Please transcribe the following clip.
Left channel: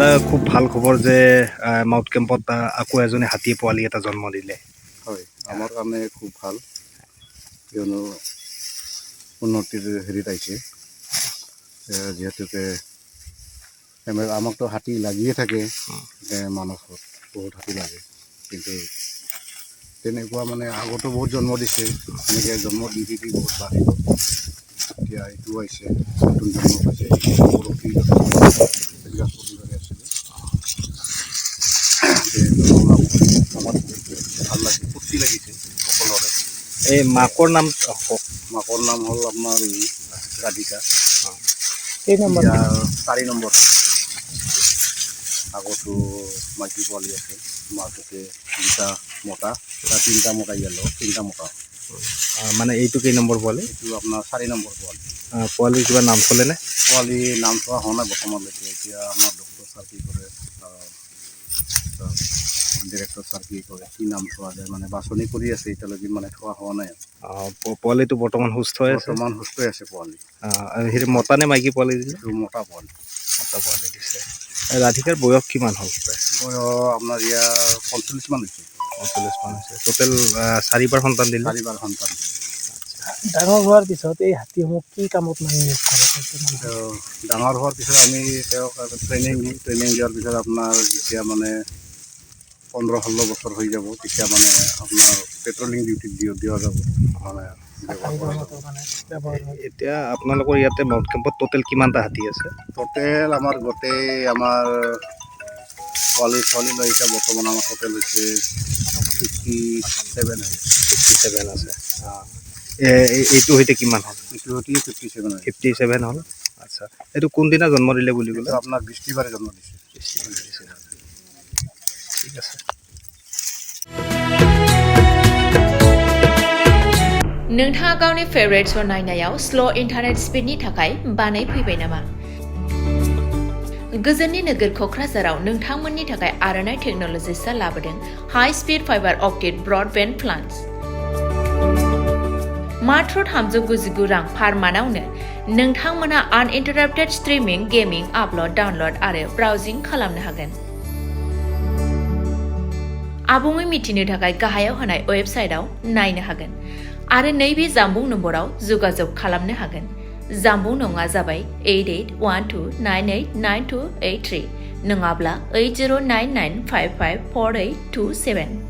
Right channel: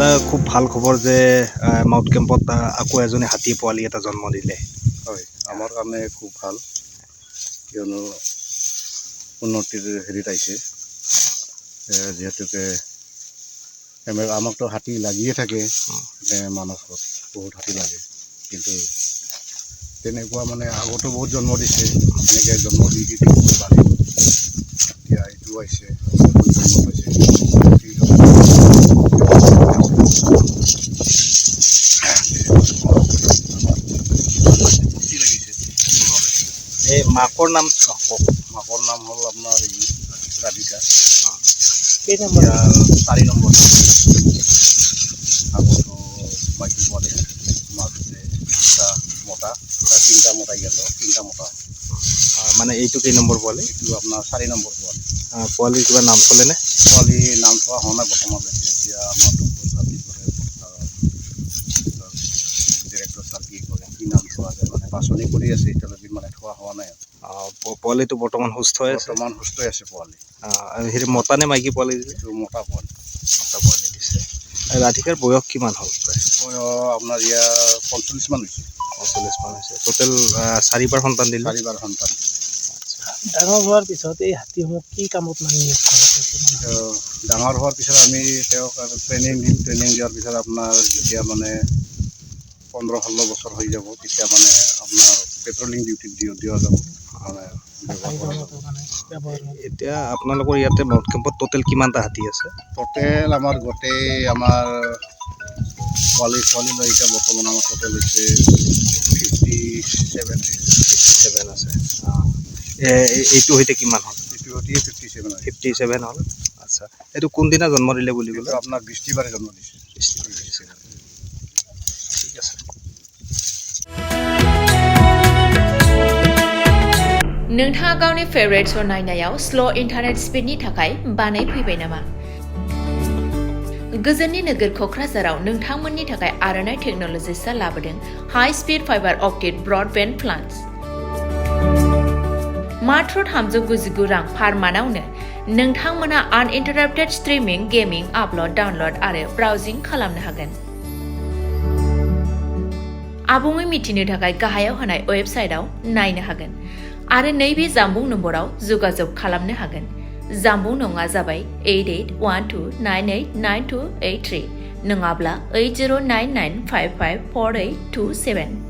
দাদা খুব ভাল খবৰ যে মাউথ কেম্পত আকৌ এজনী হাতী পোৱালি এটা জন্ম দিলে হয় আমাৰ কাৰণে খুব ভাল কিয়নো উন্নতিৰ হেৰিত আহিছে যিহেতুকে আমাকতো হাতী লাগিয়ে থাকে মানসত বহুত হাতী লাগে কিন্তু তেনেকুৱা মানে আগতো বহুত জন্ম দিছে এনেকৈ জন্ম দি বহুত বাঢ়িব এতিয়া এইটো আহিছে জন্ম পাইছে ফূৰ্তি লাগিছে সকলোৰে এই মাকৰ নাম মাকৰ নাম হ'ল আপোনাৰ ৰাধিকা কেই নম্বৰ 4 নম্বৰ আগতো মাইকী পোৱালি আছে মাজতে দুটা মতা 3টা মতা ইয়ালো 3টা মতা মানে এইটো কেই নম্বৰ পোৱালি এইটো আপোনাৰ 4 নম্বৰ পোৱালি পোৱালিৰ কিবা নাম চলেনে পোৱালি নাম থোৱা হোৱা নাই বৰ্তমানলৈকে এতিয়া আমাৰ ডক্টৰ ছাৰ কি কৰে ডিৰেক্টৰ ছাৰ কি কৰে কি নাম থোৱা যায় মানে বাছনি কৰি আছে এতিয়ালৈকে মানে থোৱা হোৱা নাই পোৱালিটো বৰ্তমান সুস্থ হৈ আছে বৰ্তমান সুস্থ হৈ আছে পোৱালি হেৰি মতা নে মাইকী পোৱালি দিলে এইটো মতা পোৱালি দিছে ৰাধিকাৰ বয়স কিমান হ'ল প্ৰায় বয়স আপোনাৰ ইয়াৰ 45 মান হৈছে 45 মান হৈছে টোটেল 4বাৰ সন্তান দিলে 4বাৰ সন্তান দিলে ডাঙৰ হোৱাৰ পিছত এই হাতীসমূহ কি কামত মানে নিয়োগ কৰা ডাঙৰ হোৱাৰ পিছত আমি তেওঁক ট্ৰেইনিং দিম ট্ৰেইনিং দিয়াৰ পিছত আপোনাৰ যেতিয়া মানে 15-16 বছৰ হৈ যাব তেতিয়া মানে আপোনাৰ পেট্ৰলিং ডিউটিত দিয়া যাব মানে ব্যৱহাৰ কৰা যাব এতিয়া আপোনালোকৰ ইয়াতে মাউথ কেম্পত টোটেল কিমানটা হাতী আছে টোটেল আমাৰ গোটেই আমাৰ পোৱালি লৈ এতিয়া বৰ্তমান আমাৰ টোটেল হৈছে 57 আছে এইটো সৈতে কিমান হ'ল এইটো সৈতে 57 হ'ল আচ্ছা এইটো কোনদিনা জন্ম দিলে বুলি ক'লে আপোনাৰ বৃষ্টিবাৰে জন্ম দিছে ঠিক আছে नोंथाङा गावनि फेवरेट शो नायनायाव स्ल' इन्टारनेट स्पिडनि थाखाय बानायफैबाय नामा गोजोननि नोगोर क'क्राझाराव नोंथांमोननि थाखाय आर'नाइ टेक्न'लजिसआ लाबोदों high speed fibre optic broadband plans मात्र 399 रां पार मान्थआवनो नोंथांमोना आनइन्टाराप्टेड स्ट्रीमिंग गेमिं आपल'ड डाउनल'ड आरो ब्राउजिं खालामनो हागोन आबुङै मिथिनो थाखाय गाहायाव होनाय वेबसाइटआव नायनो हागोन आरो नैबे जामबुं नम्बराव जगाजग खालामनो हागोन जामबुं नङा जाबाय 8812989283 नङाब्ला 8099554827